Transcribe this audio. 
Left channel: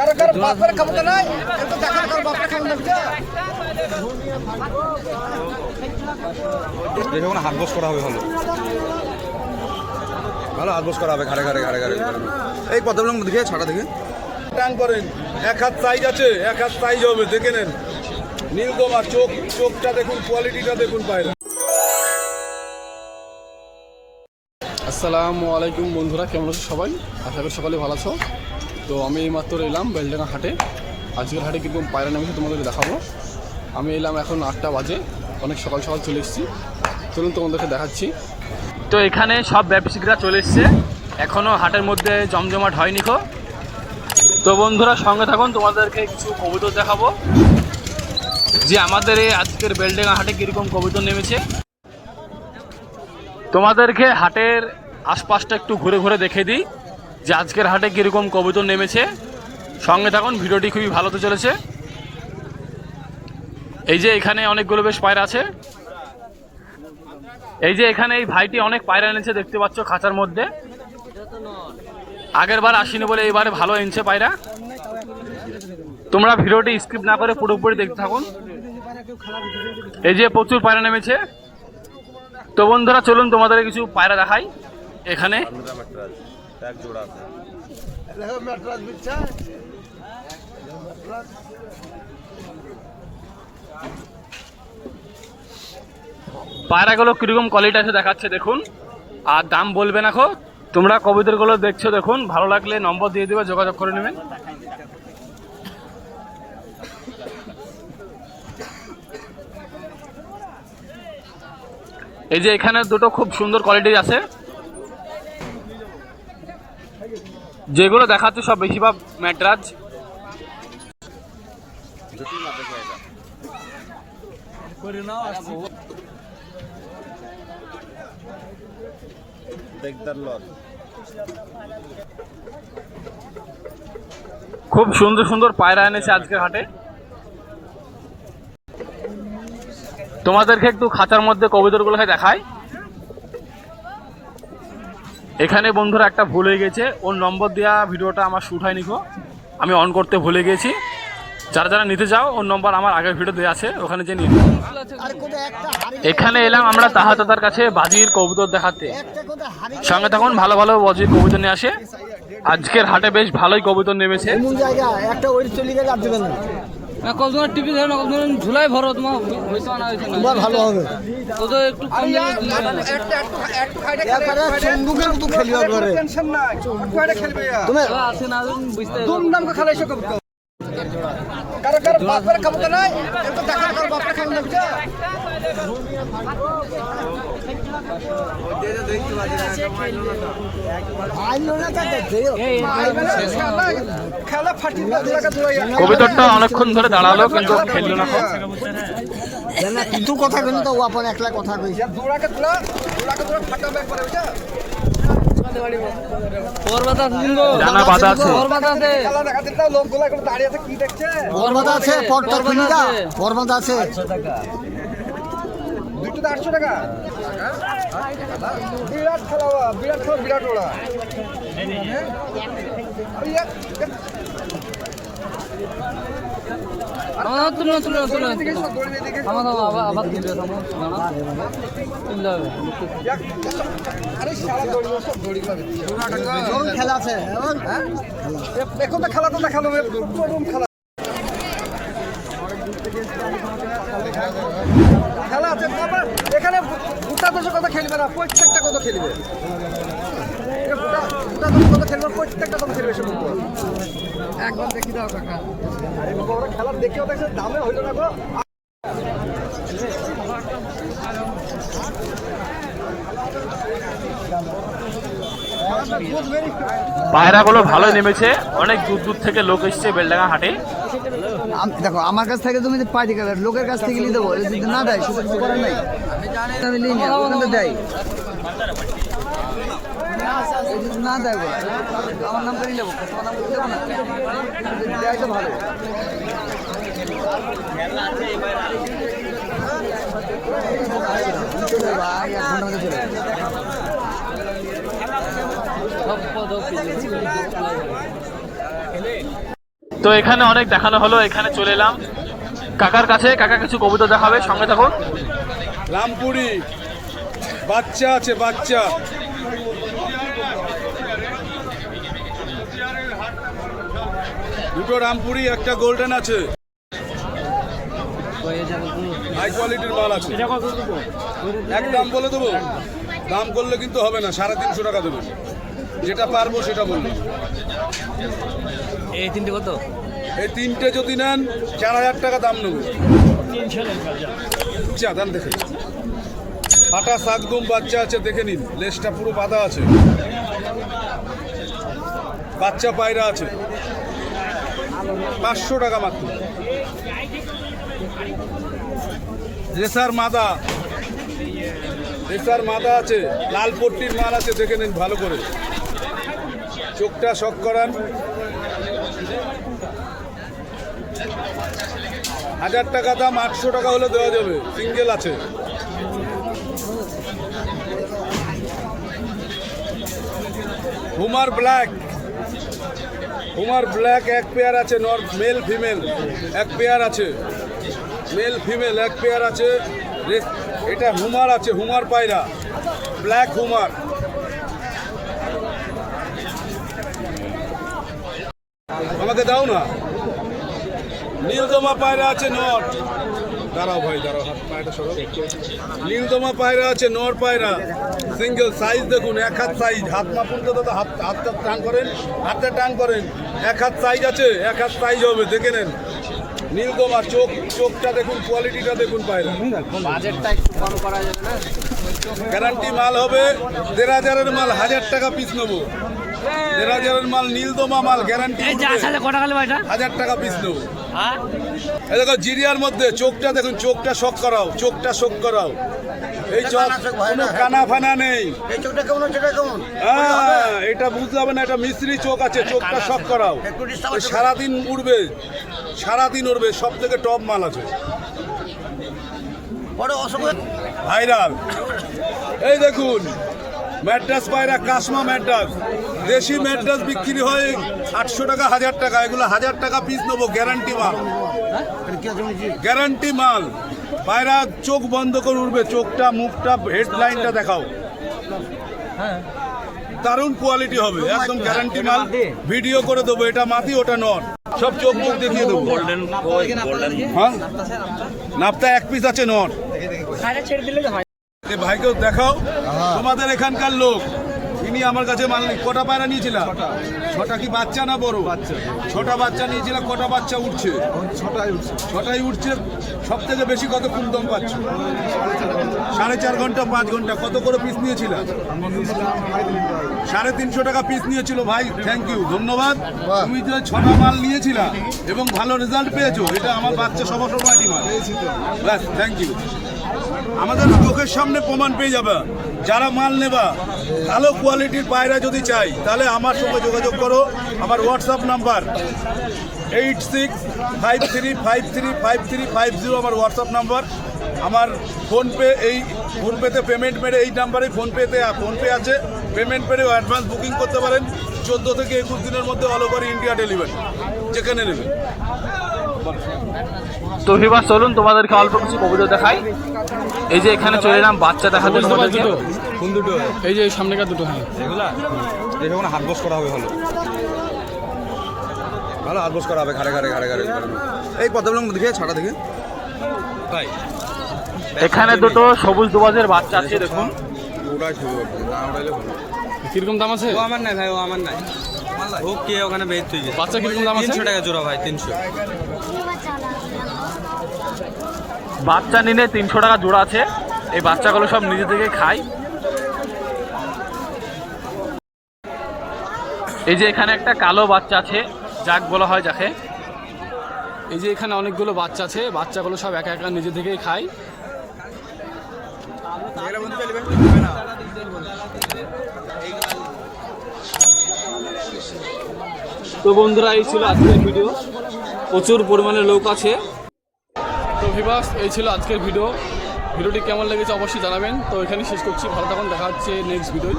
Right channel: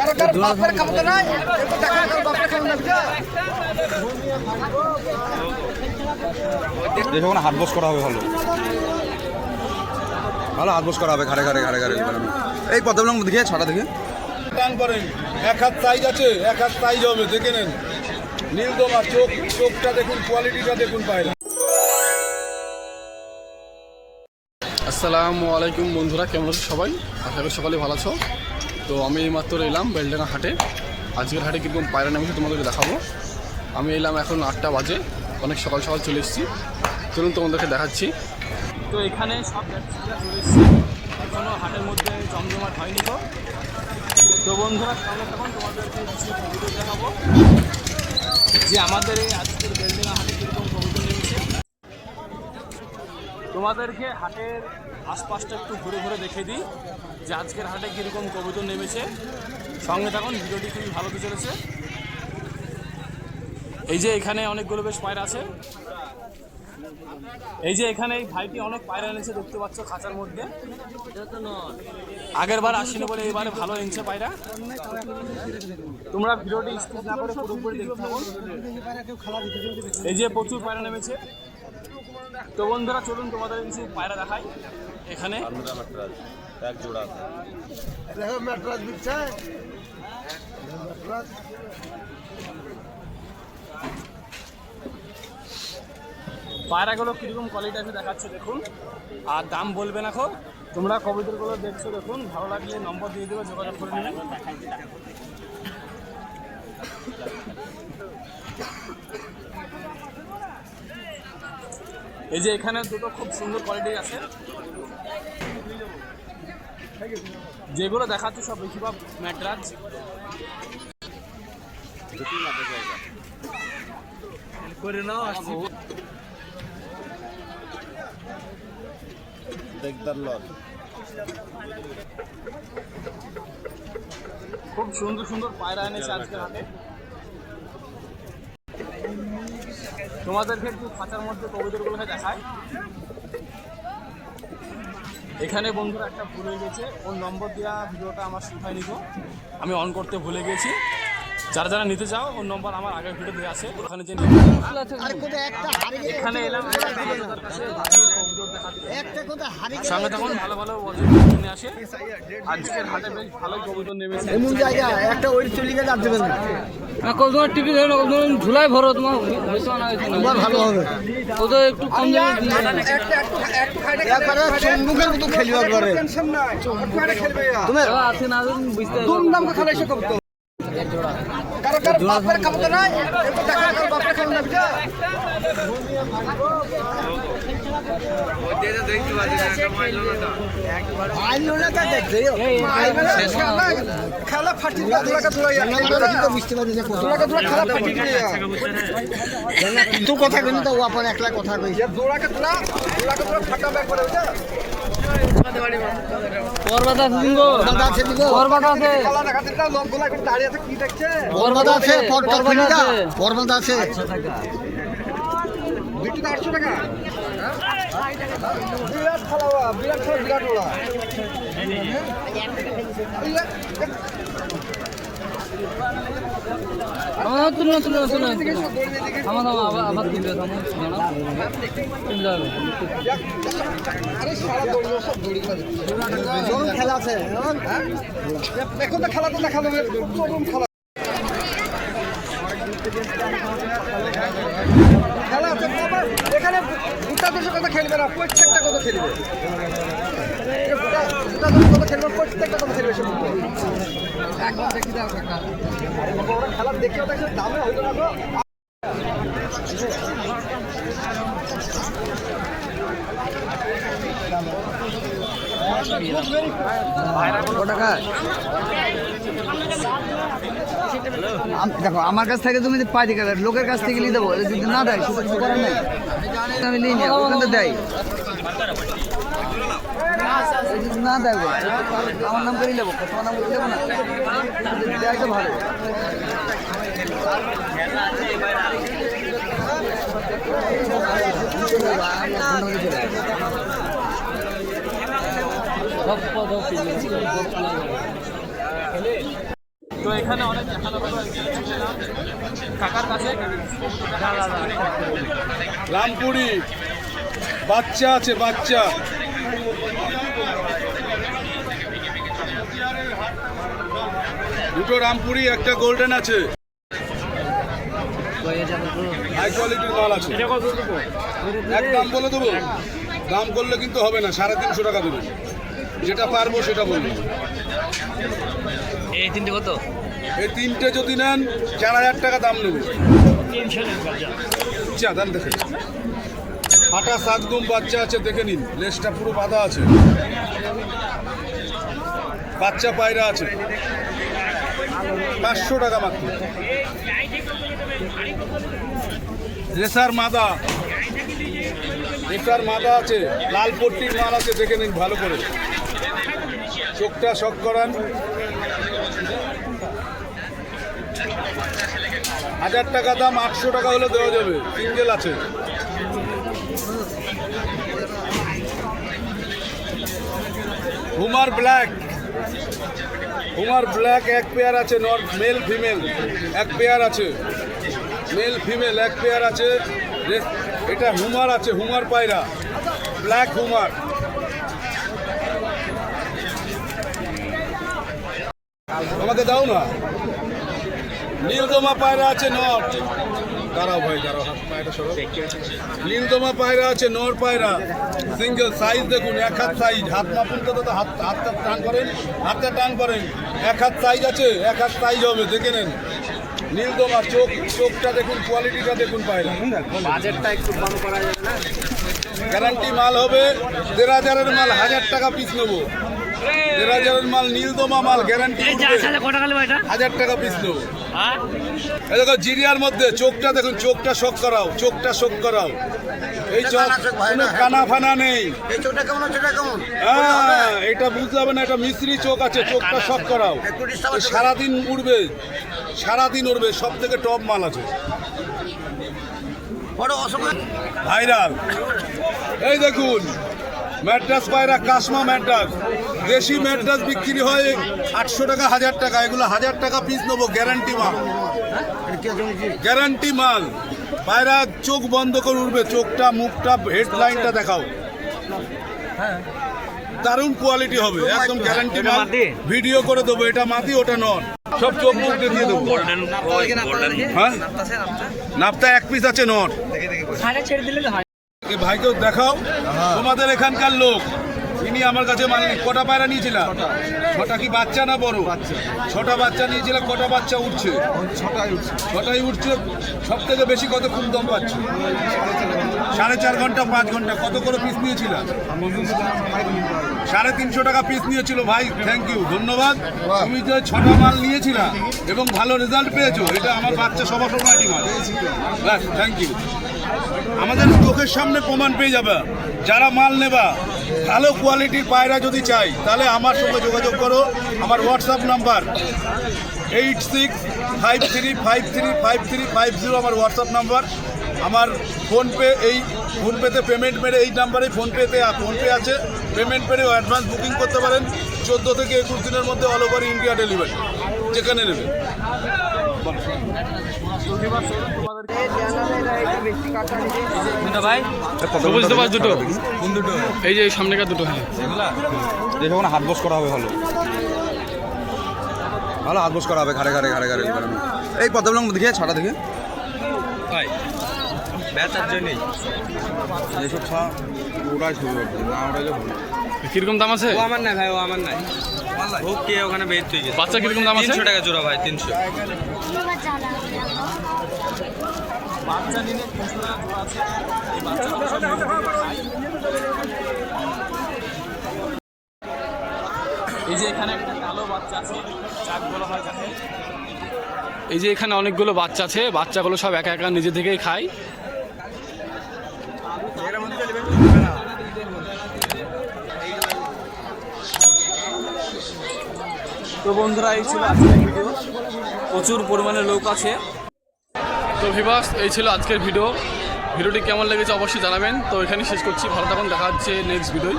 কারও কারও বাপের ক্ষমতা নাই কিন্তু দেখেন কারও বাপের ক্ষমতা হাত বস করা হবে ভালো। ভালো হাত বস করা হবে ঘাড়ে ঘাড়ে ঘাড়ে ঘাড়ে এই কতগুলো দেখে ছাড়া দেখে। টান করেন এক হাত সাইজ আছে এক হাত সাইজ হবে দেখে নেন। নীলদমা চোখ চোখটা দেখুন কোয়ালিটিটা দেখুন পায়রা। আসসালামু আলাইকুম বন্ধুরা কেমন আছো সবাই? আশা করি সকালে ভালো আছো। তো আমি এইমাত্র এলাম বেলডাঙ্গা হাটে। আজকের হাটে কীরকম পায়রা নামিয়েছে তোমাদেরকে দেখাবো। আমি এলাম এখন আটটা বাজে, অনেক সকাল সকাল চলে এসেছি। চলুন তোমাদেরকে দেখাচ্ছি। তো এখানে সব ব্যবসায়িকরা চলে এসছে। এখনও হাটের মধ্যে জমজমাট হয়নি কো তো বন্ধুরা, সঙ্গে থাকুন, তোমাদেরকে কিছু কবুতর দেখাবো। যে আমাদের এই আজকের বেলডাঙ্গা হাটে কীরকম কবুতর নেমেছে। তোমাদেরকে হাটের আশপাশটা একটু ঘুরে ঘুরে দেখে দিই। যে আজকের হাটে কীরকম কবুতর নেমেছে, সঙ্গে থাকুন, ভিডিওটি খুবই ভালো তো চলেছে। এই যে এখানে অনেকগুলো বেশ পায়রা আছে। এই যে এখানে এই ভাইটি অনেক পায়রা এনেছে, দেখতে পাচ্ছ খাঁচার মধ্যে। আগের বার আসিনি বলে এবারে ভালো এনেছে পায়রা। তোমরা ভিডিওটি স্কিপ না করে পুরোপুরি দেখতে থাকুন। এই যে প্রচুর পায়রা নেমেছে। তো বন্ধুরা, চলুন তোমাদের কিছু পায়রা দেখাই। এখানে পায়রাগুলো কীরকম কোয়ালিটি আছে দেখাচ্ছে দেখুন। আর দাম বলবে না খো তোমরা কবিতাগুলো দেখছ দেখুন। ভালো লাগলে নম্বর দিয়ে দেবে যোগাযোগ করে নেবেন। এই যে এখানে দুটো খুব সুন্দর কোয়ালিটির আছে। যেগুলো দেখাচ্ছে সব বেশিরভাগ ম্যাটরাজ খুব সুন্দর সুন্দর পায়রা এনেছে আজকের হাটে। তোমাদেরকে একটু খাঁচার মধ্যে কবিতরগুলোকে দেখায় এখানে বন্ধুরা একটা ভুল হয়ে গেছে। ওর নম্বর দেওয়া ভিডিওটা আমার শ্যুট হয়নি গো। আমি অন করতে ভুলে গেছি। যারা যারা নিতে চাও, ওর নম্বর আমার আগের ভিডিও দেওয়া আছে। ওখানে যে নিও। এখানে এলাম আমরা তাহাতাদার কাছে বাজির কবুতর দেখাতে। সঙ্গে তখন ভালো ভালো বাজির কবুতর নিয়ে আসে। আজকের হাটে বেশ ভালোই কবুতর নেমেছে। এমন তোমার একটা টিভি ধরে নকল তোমার ঝুলাই ভরো তোমার না না। তোমার ভালো হবে। ওদের একটু কম। তারপরে সঙ্গুকে তো খেলিবার করে। তুমি আছে না বুঝতে দুমদাম করে বাপের ক্ষমতা নাই কিন্তু দেখেন কারও বাপের ক্ষমতা আছে আইলো না তা দেখতে খেলা ফাটি কবিতরটা অনেকক্ষণ ধরে দাঁড়াল কিন্তু। কিন্তু কথা কিন্তু তো আপন একলা কথা কইছে। দৌড়াকে তোলা দৌড়াকে তোলা ফাটা ব্যাগ করে ওটা ওর বাতা আছে জানা বাধা আছে। ওর বাতা আছে লোকগুলা করে দাঁড়িয়ে আছে কি দেখছে পর্বত আছে, পর্বত আছে। পর্বত আছে দুটো আটশো টাকা। বিরাট খেলা বিরাট খেলা বিরাট ওরা। তুলো তুলো তুলো থামা থামা আবার আবার তুলবে থামো দাঁড়াও তুলতে হবে। আরে সারা দৌড়ি সব দৌড়ি খেলা আছে। হ্যাঁ? দেখো তো খেলা তো চরম খেলা। খেলা আছে এখানে গোটা দশের কথা খেলবে না? প্রত্যেকটা কথা খেলবে? গোটা গোটা দশের কথা প্রত্যেকটা কথা খেলবে সে। একবার দেখি দাও কাকা খেলা দেখেও দেখে দামে হইল না গো। পায়রাগুলো ভালোই নেমেছে। অনেক দূর দূর থেকে লোক এসছে বেলডাঙ্গা হাটে। দেখো, আমার কাছ থেকে তুমি পাই দিকে লোকের কাছ থেকে নিয়ে দেবো যদি না দেয়, সেটা কিছু করার নাই। আমি দেয় না দেয় না। দেয় ভালো। চলে যাব, আমি এক ঘণ্টার মধ্যে চলে যাব। সব পদ তো এখানে অনেক দেখানো হলো এখানে চলে এলাম। কাকার কাছে কাকা কিছু কবিতা দেখাবে সঙ্গে থাকুন রামপুরি বাচ্চা আছে বাচ্চা। দুটো রামপুরি একটা গোল্ডেন আছে। হাই কোয়ালিটির মাল আছে। এক দাম বলে দেবো? দাম করলে কিন্তু হবে না সাড়ে তিনশো টাকা দেবো। যেটা পারব সেটা বলব। এই তিনটে কত? এই তিনটে যদি নেন চার হাজার টাকা দাম নেবে। চা দাম দেখে হাটা শাকদম বাচ্চা আছে দেখে নিন। লেজটা পুরো বাঁধা আছে। বাচ্চা পায়রা আছে। পাঁচশো টাকা মাত্র। রেসার মাদা। রেসার মাদা আছে লাল পট্টির মাল আছে দেখে নিন ভালো করে। চোখটা শক করান। হাজার টাকা দাম আটশো টাকা হলে দেওয়া যাবে। সিঙ্গেল আছে। Homer black. হুমার ব্ল্যাক এক পেয়ার আছে, নর মেল ফিমেল। এক পেয়ার আছে। মেল ফিমেল, এক পেয়ার আছে। এটা হুমার আছে, হুমার পায়রা। Black homer. আমাকে দাও না। নীলদমা পায়রা আছে নর। দাঁড়াও ভাই দাঁড়াও হাত পায়রা সরো নীলদমা পায়রা আছে নর পায়রা। সিঙ্গেল সাইজ দেখুন এক হাত সাইজ। হাত মাপুন তো তো হাত হাতটা টান করেন। হাতটা টান করেন। এক হাত সাইজ আছে এক হাত সাইজ হবে দেখে নেন। নীলদমা চোখ চোখটা দেখুন কোয়ালিটিটা দেখুন পায়রা। গ্যারান্টি মাল হবে দেড় হাজারের মাল হাজার টাকা পিস নেব। দেড় হাজারের মাল নীলদমা মাল গ্যারান্টি কটা হাজার টাকা পিস নেব। এই দেখো জিরিয়ার মধ্যে চোখটা দেখুন চোখটা শক করাও চোখটা শক করাও। এই চোখ কোনো কানা ফানা নেই। হ্যাঁ এটা বুঝতে হবে না এটা মিস্ত্রি চোখ আছে চোখটা শক করাও। এই সারাদিন উড়বে সারাদিন উড়বে সব থেকে টপ মাল আছে। ভাইরাল। এই দেখুন ম্যাড্রাস পায়রা কাশমা ম্যাড্রাস। দেশি ম্যাড্রাস বিক্রি হয় আটশো টাকা হাজার টাকা। এগুলো হাজার টাকা পিস নেব গ্যারান্টি মাল। গ্যারান্টি মাল। পায়রা চোখ বন্ধ করে উঠবে চোখটা মুখটা হেডলাইনটা দেখাও। দারুণ কোয়ালিটি হবে একদম গ্যারান্টি মাল। ভিডিও করে দেবো এটা মাটি ওটা নন সব চোখ মুখ দেখিয়ে দেবো। হ্যাঁ? নাপতা। এক পিস আছে নট হয় ভাইকেও দেখাও। তোমাদের এখানকার লোক, ইনি আমার কাছে মাননি কটা পায়রা নিয়েছিলাম ছটা কি বাচ্চা না বড়? ছটা বাচ্চা নিয়েছিলাম কটা বাচ্চা উঠছে? ছটাই উঠছে, সব থেকে বেশি কত কম দম পাচ্ছ? সাড়ে চার ঘণ্টা, পাঁচ ঘণ্টা, কত করে পিস নিয়েছিলাম সাড়ে তিনশো টাকা পিস নিয়েছিল ভাই থ্যাংক ইউ ধন্যবাদ। তুমি যে ছটা মাল নিয়েছিলা এবং ভালো রেজাল্ট পেয়েছ, এটা আমার বাচ্চা সবার সময় মাল। ব্যাস থ্যাংক ইউ আমাদের চোখের সামনে প্রমাণ পেয়ে যাবে। যারা মাল নেবা, ভালো কোয়ালিটির পায়রা যদি চাই, তাহলে আমার সঙ্গে যোগাযোগ করো। আমার WhatsApp number eight six five three five three five three five zero আমার হোয়াটসঅ্যাপ নাম্বার আমার ফোনপে এই ফোনপেতে পেমেন্ট মেরে এই নাম্বারেই ফোনপেতে ফোনপে আছে। পেমেন্ট মেরে অ্যাডভান্স বুকিং করতে পারেন। চোদ্দ থেকে একুশ দিনের মধ্যে অল ওভার ইন্ডিয়া ডেলিভারি যেখানে নেবে। তো এবার চলুন তোমাদেরকে অল্প কিছু কবিতা দেখাই। এই যে এখানে চলে এলাম বাচ্চা দেখা বুঝতে পারছ দুটো কোন দুটো? এই যে এই সামনেকার দুটো হ্যাঁ। দেখো কোনো হাত বস করা হবে ভালো। ভালো হাত বস করা হবে ঘাড়ে ঘাড়ে ঘাড়ে ঘাড়ে। এই কতগুলো দেখে ছাড়া দেখে এখানে দুটো সবুজ দুবাজের বাচ্চা আছে দেখুন। কীরকম দাম আছে? আমার নাই ভাই আমার নাই। ও কে ওখানে বের তুই বাচ্চা কীরকম দাম আছে? তিনশো টাকা জোড়া ভাই তিনশো। বাচ্চা নিলে তিনশো টাকা জোড়া আছে। এই বাচ্চাগুলো সব নিজে থেকে খায়। এই যে এখানে একটা কালো বাচ্চা আছে যাক বলা হয় যাকে। এই যে এখানে অনেকগুলো বাচ্চা আছে বাচ্চাগুলো সব একা একা নিজে থেকেই খায়। তো বন্ধুরা, এই ছিল আজকের ভিডিও। প্রচুর পরিমাণে লোক আছে। তো ভিবাস এই ছিল আজকের ভিডিও। ভিডিওটি কেমন লেগেছে অবশ্যই জানাবেন। তো এখানেই শেষ করছি। ভালো থাকুন, দেখা হচ্ছে নেক্সট ভিডিওয়